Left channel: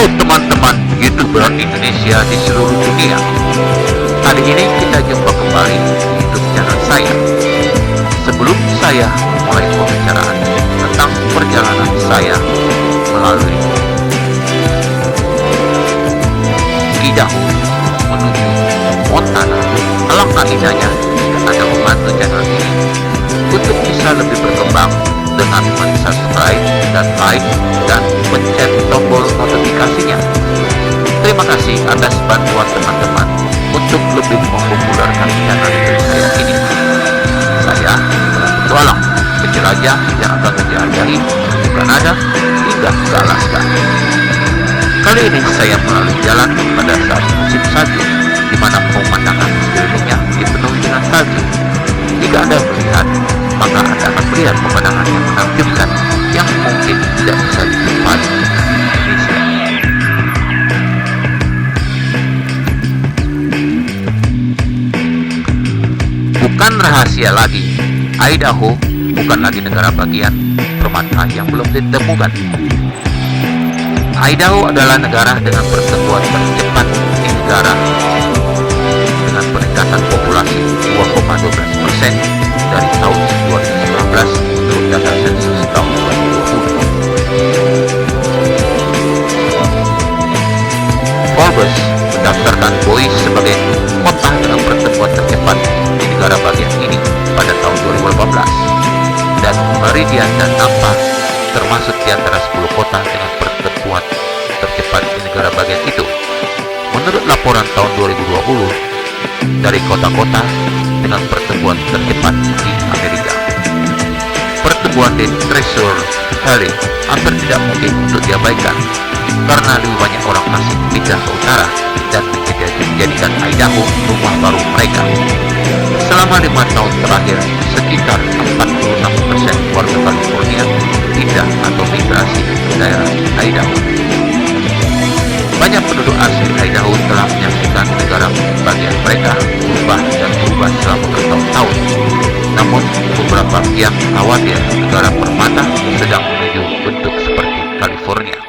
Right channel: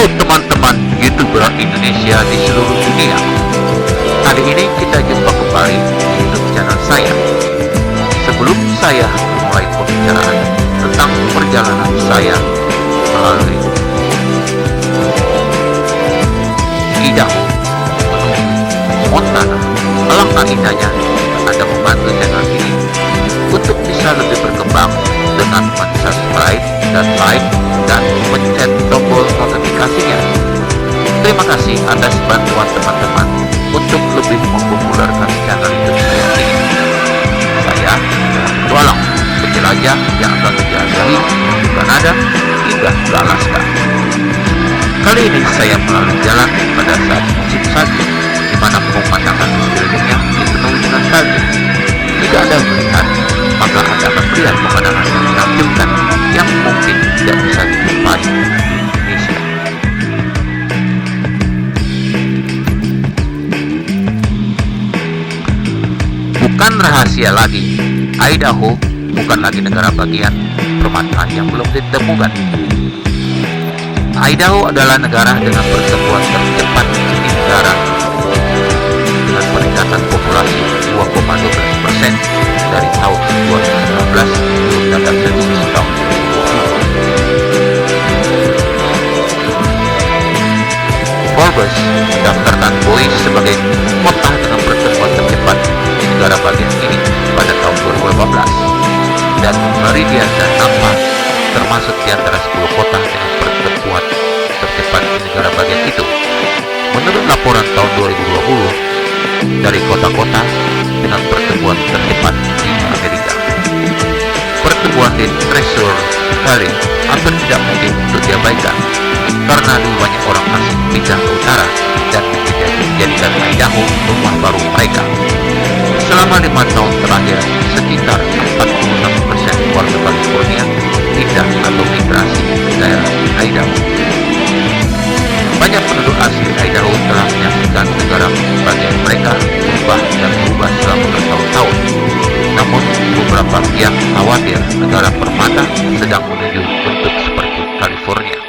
Halo teman-teman YouTuber Indonesia di seluruh dunia. Kali ini kita jumpa kembali di YouTube channel saya. Sebelum saya memulai pembicaraan tentang perjalanan saya melalui Idaho menuju Montana, alangkah indahnya jika Anda membantu channel ini untuk bisa lebih berkembang dengan subscribe dan like dan pencet tombol notifikasinya. Terima kasih atas bantuan teman-teman untuk lebih mempopulerkan channel YouTube saya ini. Saya adalah petualang, penjelajah yang akan menjelajahi menuju Kanada hingga ke Alaska. Kali ini saya melalui jalan pada saat musim salju, di mana pemandangan sekelilingnya dipenuhi dengan salju. Jika Anda melihat, maka Anda akan melihat pemandangan yang menakjubkan yang mungkin tidak bisa dijumpai di Indonesia. Bukan rahasia lagi, Idaho bukan lagi negara bagian permata yang belum ditemukan. Idaho adalah negara dengan pertumbuhan tercepat di negara dengan peningkatan populasi 2,12% dari tahun 2019 menurut data sensus tahun 2020. Forbes mendaftarkan Boise sebagai kota dengan pertumbuhan tercepat di negara bagian ini pada tahun 2018, dan Meridian dan Nampa termasuk di antara 10 kota dengan pertumbuhan tercepat di negara bagian itu. Menurut laporan tahun 2020 dari kota-kota dengan pertumbuhan tercepat di Amerika, pertumbuhan di Treasure Valley hampir tidak mungkin untuk diabaikan karena lebih banyak orang asing pindah ke utara dan menjadikan Idaho rumah baru mereka. Selama 5 tahun terakhir, sekitar 46% warga California pindah atau migrasi ke daerah Idaho. Banyak penduduk asli Idaho telah menyaksikan negara bagian mereka berubah selama bertahun-tahun. Namun, beberapa pihak khawatir negara permata sedang menuju bentuk seperti California.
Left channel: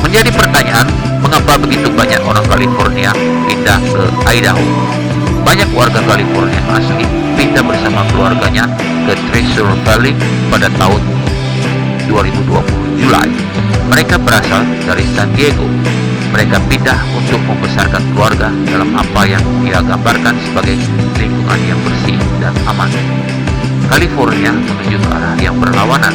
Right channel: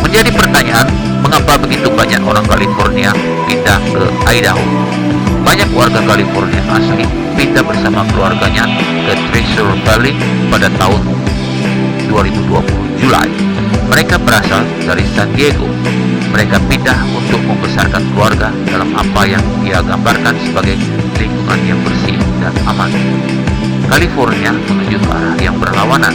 Menjadi pertanyaan, mengapa begitu banyak orang California pindah ke Idaho? Banyak warga California asli pindah bersama keluarganya ke Treasure Valley pada tahun 2020 Juli. Mereka berasal dari San Diego. Mereka pindah untuk membesarkan keluarga dalam apa yang dia gambarkan sebagai lingkungan yang bersih dan aman. California menuju ke arah yang berlawanan.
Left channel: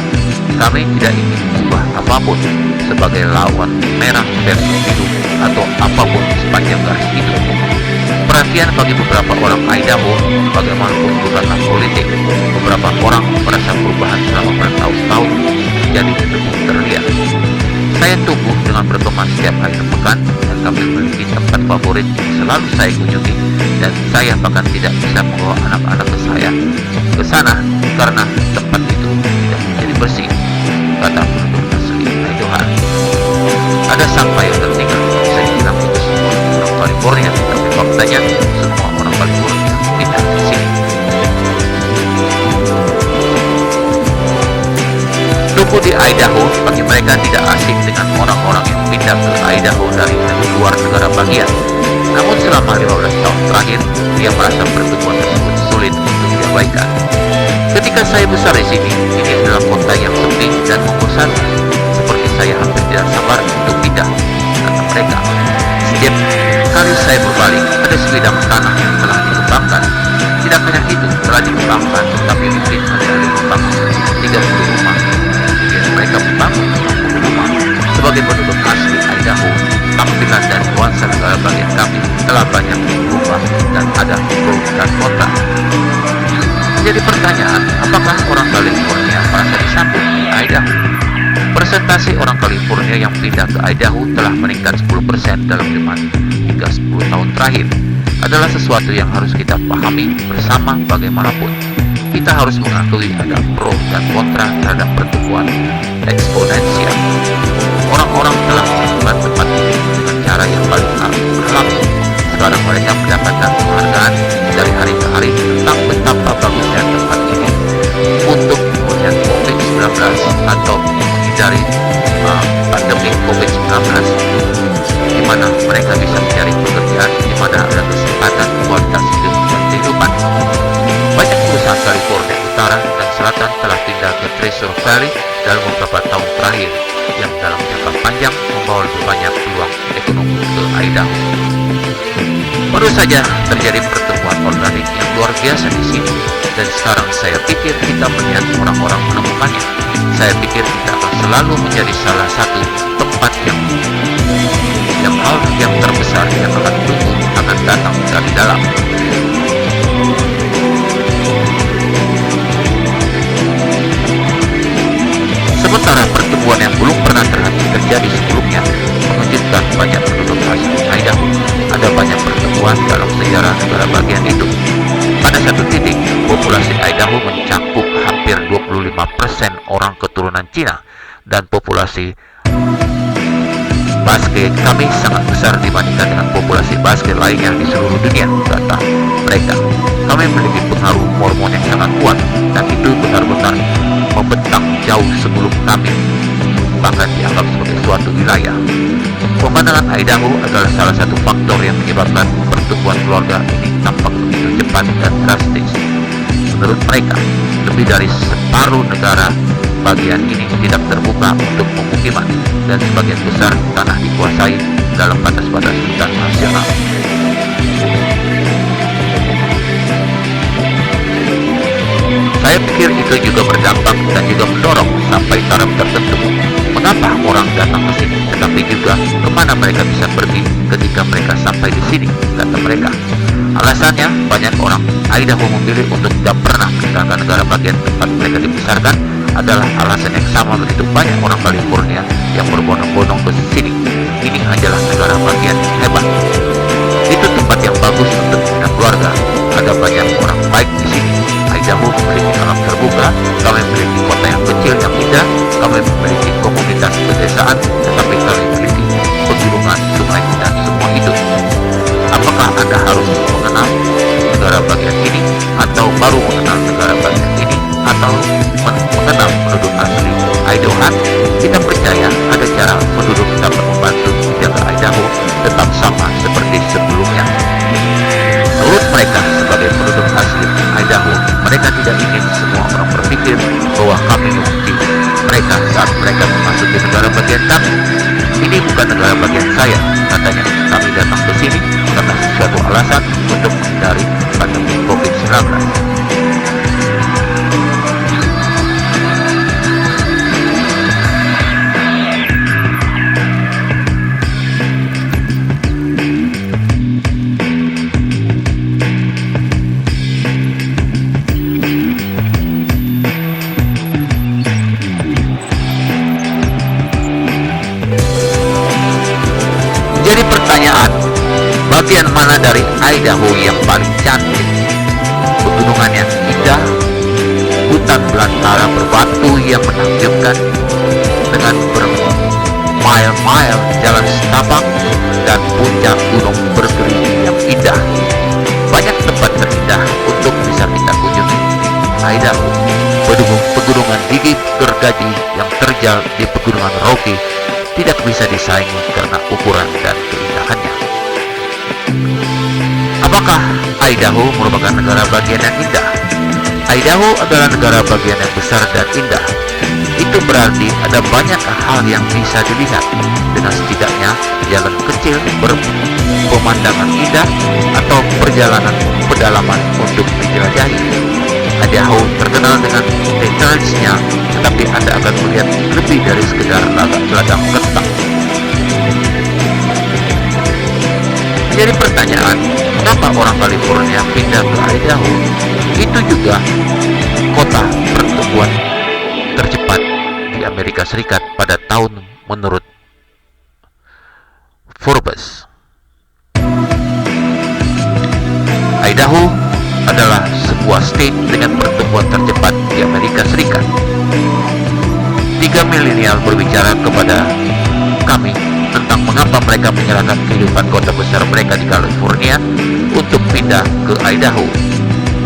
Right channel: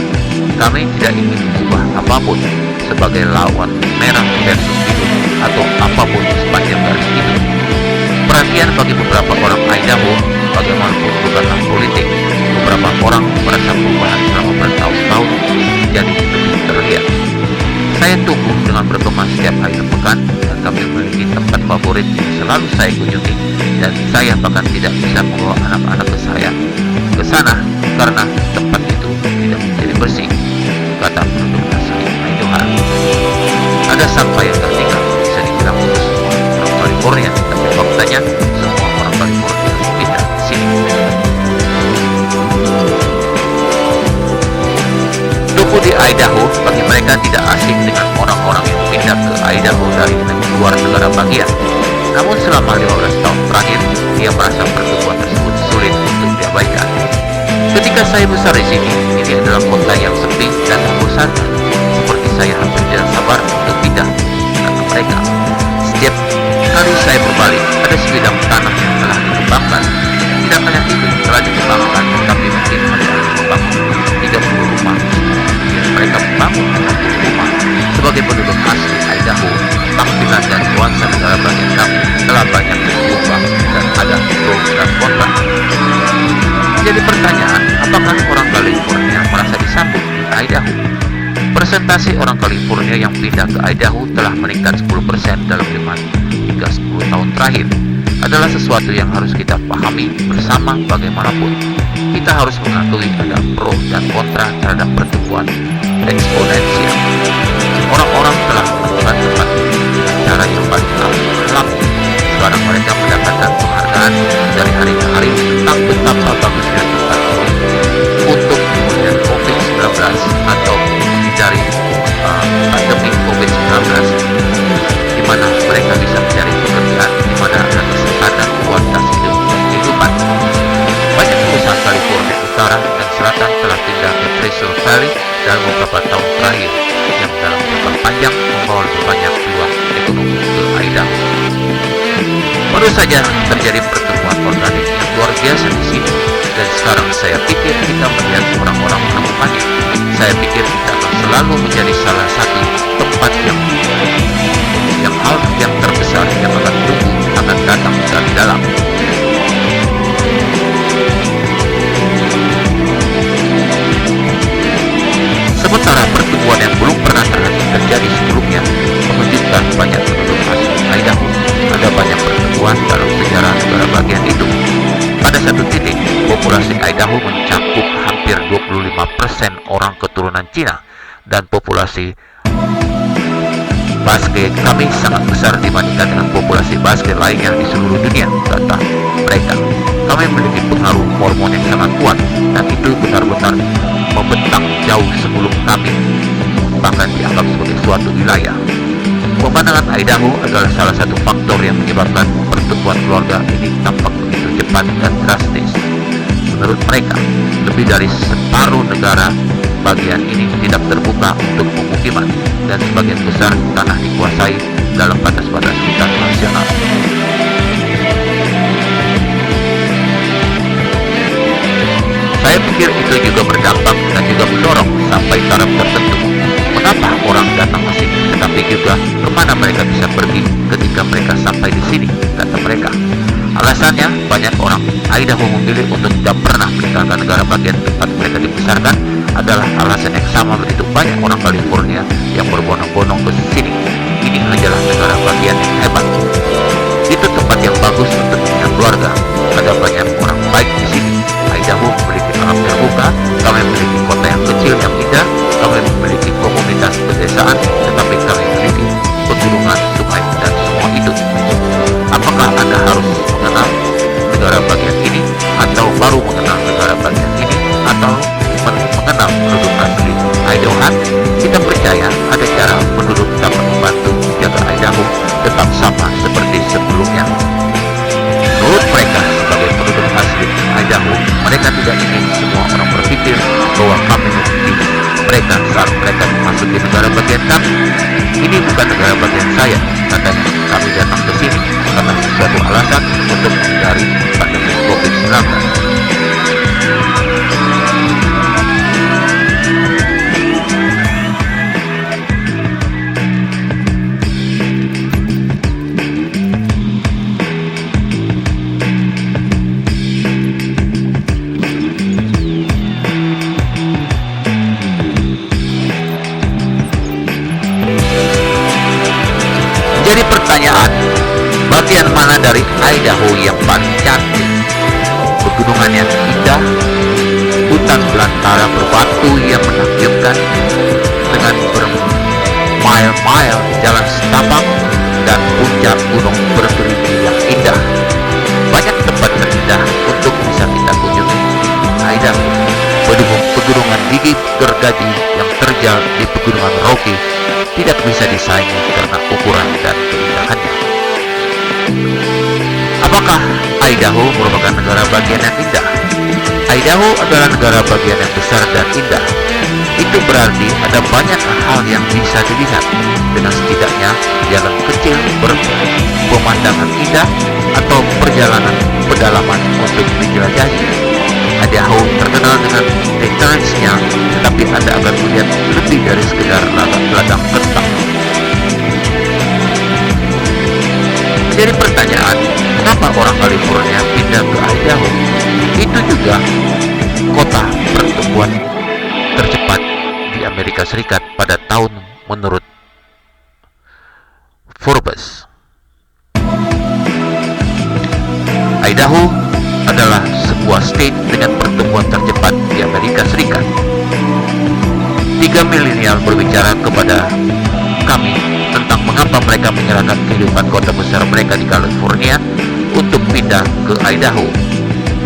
Kami tidak ingin mengubah apapun sebagai lawan merah versus biru atau apapun sepanjang garis itu. Perhatian bagi beberapa orang Idaho, bagaimanapun bukanlah politik. Beberapa orang merasa perubahan selama bertahun-tahun jadi lebih terlihat. Saya tumbuh dengan berteman setiap akhir pekan, dan kami memiliki tempat favorit yang selalu saya kunjungi, dan saya bahkan tidak bisa membawa anak-anak saya ke sana karena tempat itu tidak menjadi bersih, kata penduduk asli Idaho. Ada sampah yang tertinggal, bisa dibilang untuk semua orang California, tapi faktanya semua orang California pindah ke sini. Tumbuh di Idaho bagi mereka tidak asing dengan orang-orang yang pindah ke Idaho dari luar negara bagian. Namun selama 15 tahun terakhir, dia merasa pertumbuhan tersebut sulit untuk diabaikan. Ketika saya besar di sini, ini adalah kota yang sepi dan membosankan. Seperti saya hampir tidak sabar untuk pindah, kata mereka. Setiap kali saya berbalik, ada sebidang tanah yang telah dikembangkan. Tidak hanya itu telah dikembangkan, tapi mungkin alih-alih membangun 30 rumah, kemudian mereka membangun 60 rumah. Sebagai penduduk asli Idaho, tampilan dan nuansa negara bagian kami telah banyak berubah dan ada pro dan kontra. Jadi pertanyaan, apakah orang California merasa disambut di Idaho? Persentase orang California yang pindah ke Idaho telah meningkat 10% dalam 5 hingga 10 tahun terakhir. Adalah sesuatu yang harus kita pahami bersama. Bagaimanapun, kita harus mengakui ada pro dan kontra terhadap pertumbuhan eksponensial. Orang-orang telah menemukan tempat ini dengan cara yang paling alami. Sekarang mereka mendapatkan penghargaan dari hari ke hari tentang betapa bagusnya tempat ini. untuk pemulihan COVID-19 atau menghindari pandemi COVID-19, di mana mereka bisa mencari pekerjaan, di mana ada kesempatan, kualitas hidup, dan kehidupan. Banyak perusahaan California Utara dan Selatan telah pindah ke Treasure Valley dalam beberapa tahun terakhir, yang dalam jangka panjang membawa lebih banyak peluang ekonomi ke Idaho. Baru saja terjadi pertemuan organik yang luar biasa di sini, dan sekarang saya pikir kita melihat orang-orang menemukannya. Saya pikir kita akan selalu menjadi salah satu tempat yang hal yang terbesar yang akan tumbuh akan datang dari dalam. Sementara pertemuan yang belum pernah terjadi sebelumnya mengejutkan banyak penduduk asli Idaho. Ada banyak pertemuan dalam sejarah negara bagian itu. Pada satu titik, populasi Idaho mencakup hampir 25% orang keturunan Cina, dan populasi Basque kami sangat besar dibandingkan dengan populasi Basque lainnya di seluruh dunia, kata mereka. Kami memiliki pengaruh Mormon yang sangat kuat, dan itu benar-benar membentang jauh sebelum kami bahkan dianggap sebagai suatu wilayah. Pemandangan Idaho adalah salah satu faktor yang menyebabkan pertumbuhan keluarga ini tampak begitu cepat dan drastis. Menurut mereka, lebih dari separuh negara bagian ini tidak terbuka untuk pemukiman, dan sebagian besar tanah dikuasai dalam batas-batas hutan nasional. Saya pikir itu juga berdampak dan juga mendorong sampai taraf tertentu. Mengapa orang datang ke sini, tetapi juga kemana mereka bisa pergi ketika mereka sampai di sini, kata mereka. Alasannya, banyak orang Idaho memilih untuk tidak pernah meninggalkan negara bagian tempat mereka dibesarkan adalah alasan yang sama begitu banyak orang California yang berbondong-bondong ke sini. Ini hanyalah negara bagian yang hebat. Itu tempat yang bagus untuk membina keluarga. Ada banyak orang baik di sini. Idaho memiliki alam terbuka, kami memiliki kota yang kecil yang indah, kami memiliki komunitas pedesaan, tetapi kami memiliki pegunungan, sungai, dan semua itu. Apakah Anda harus mengenal negara bagian ini, atau baru mengenal negara bagian ini, atau mengenal penduduk asli Idaho? Kita percaya ada cara penduduk dapat membantu menjaga Idaho tetap sama seperti sebelumnya. Menurut mereka, sebagai penduduk asli Idaho, mereka tidak ingin semua orang berpikir bahwa kami membenci mereka saat mereka memasuki negara bagian kami. Ini bukan negara bagian saya, katanya. Kami datang ke sini karena sesuatu alasan untuk menghindari pandemi COVID-19. Jadi pertanyaan, bagian mana dari Idaho yang paling cantik? Pegunungan yang indah, hutan belantara berbatu yang menakjubkan dengan bermile-mile jalan setapak, dan puncak gunung bergerigi yang indah. Banyak tempat terindah untuk bisa kita kunjungi di Idaho. Pegunungan gigi gergaji yang terjal di pegunungan Rocky tidak bisa disaingi karena ukuran dan keindahannya. Apakah Idaho merupakan negara bagian yang indah? Idaho adalah negara bagian yang besar dan indah. Itu berarti ada banyak hal yang bisa dilihat, dengan setidaknya jalan kecil berpemandangan indah atau perjalanan pedalaman untuk dijelajahi. Idaho terkenal dengan detailsnya, tetapi Anda akan melihat lebih dari sekedar ladang kentang. Menjadi pertanyaan, mengapa orang California pindah ke Idaho? Itu juga kota pertumbuhan tercepat di Amerika Serikat pada tahun menurut Forbes. Idaho adalah sebuah state dengan pertumbuhan tercepat di Amerika Serikat. 3 milenial berbicara kepada kami tentang mengapa mereka menyerahkan kehidupan kota besar mereka di California untuk pindah ke Idaho.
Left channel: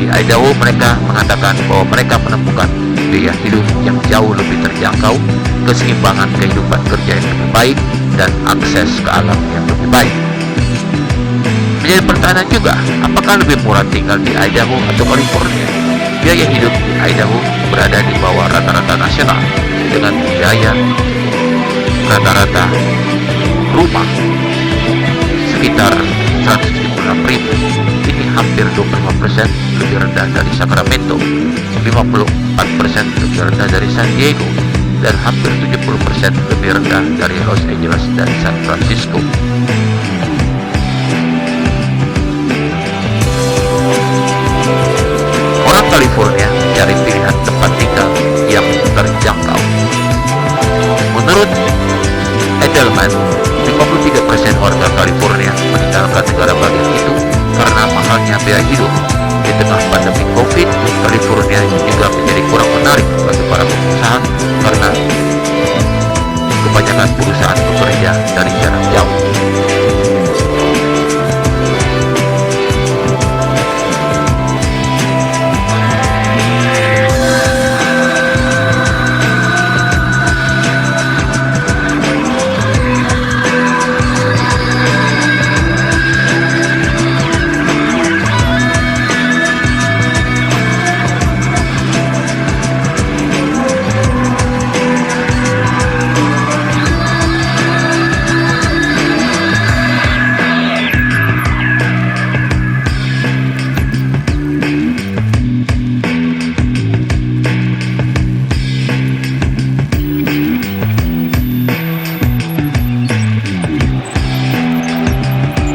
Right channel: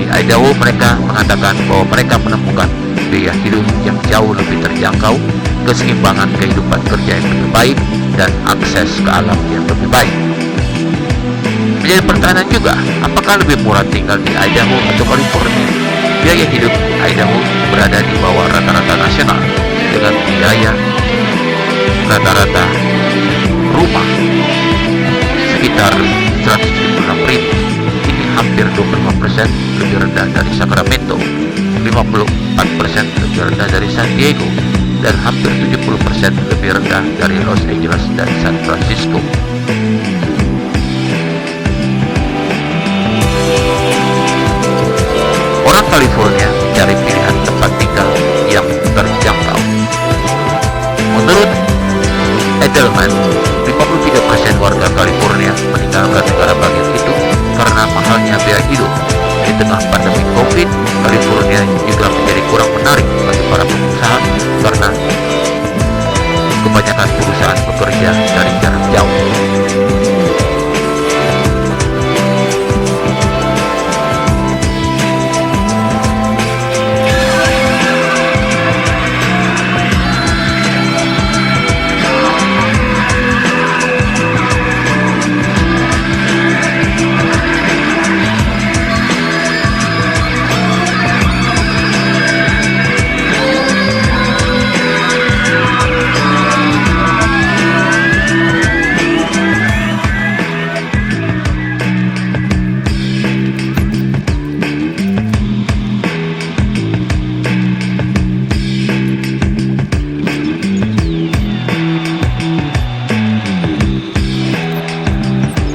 Di Idaho mereka mengatakan bahwa mereka menemukan biaya hidup yang jauh lebih terjangkau, keseimbangan kehidupan kerja yang lebih baik, dan akses ke alam yang lebih baik. Menjadi pertanyaan juga, apakah lebih murah tinggal di Idaho atau California? Biaya hidup di Idaho berada di bawah rata-rata nasional dengan biaya rata-rata rumah sekitar 176.000. Ini hampir 25% lebih rendah dari Sacramento, 54% lebih rendah dari San Diego, dan hampir 70% lebih rendah dari Los Angeles dan San Francisco. Orang California mencari pilihan tempat tinggal yang terjangkau. Menurut Edelman, 53% warga California meninggalkan negara bagian itu karena mahalnya biaya hidup. Di tengah pandemi COVID, California juga menjadi kurang menarik bagi para pengusaha karena kebanyakan perusahaan bekerja dari jarak jauh.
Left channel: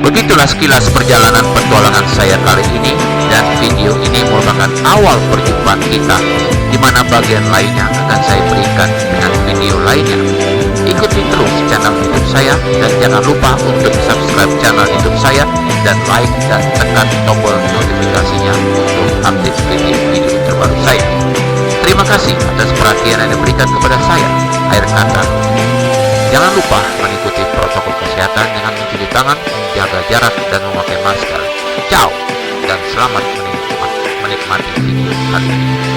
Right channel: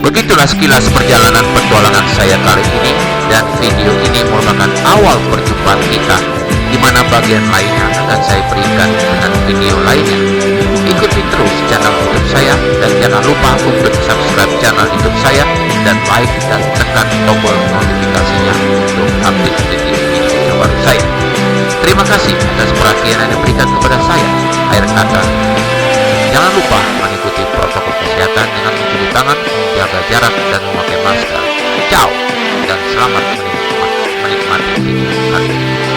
Begitulah sekilas perjalanan petualangan saya kali ini, dan video ini merupakan awal perjumpaan kita, di mana bagian lainnya akan saya berikan dengan video lainnya. Ikuti terus channel YouTube saya, dan jangan lupa untuk subscribe channel YouTube saya, dan like dan tekan tombol notifikasinya untuk update video-video terbaru saya. Terima kasih atas perhatian yang diberikan kepada saya. Akhir kata, jangan lupa mengikuti protokol kesehatan dengan mencuci tangan, jaga jarak, dan memakai masker. Ciao, dan selamat menikmati video kali ini.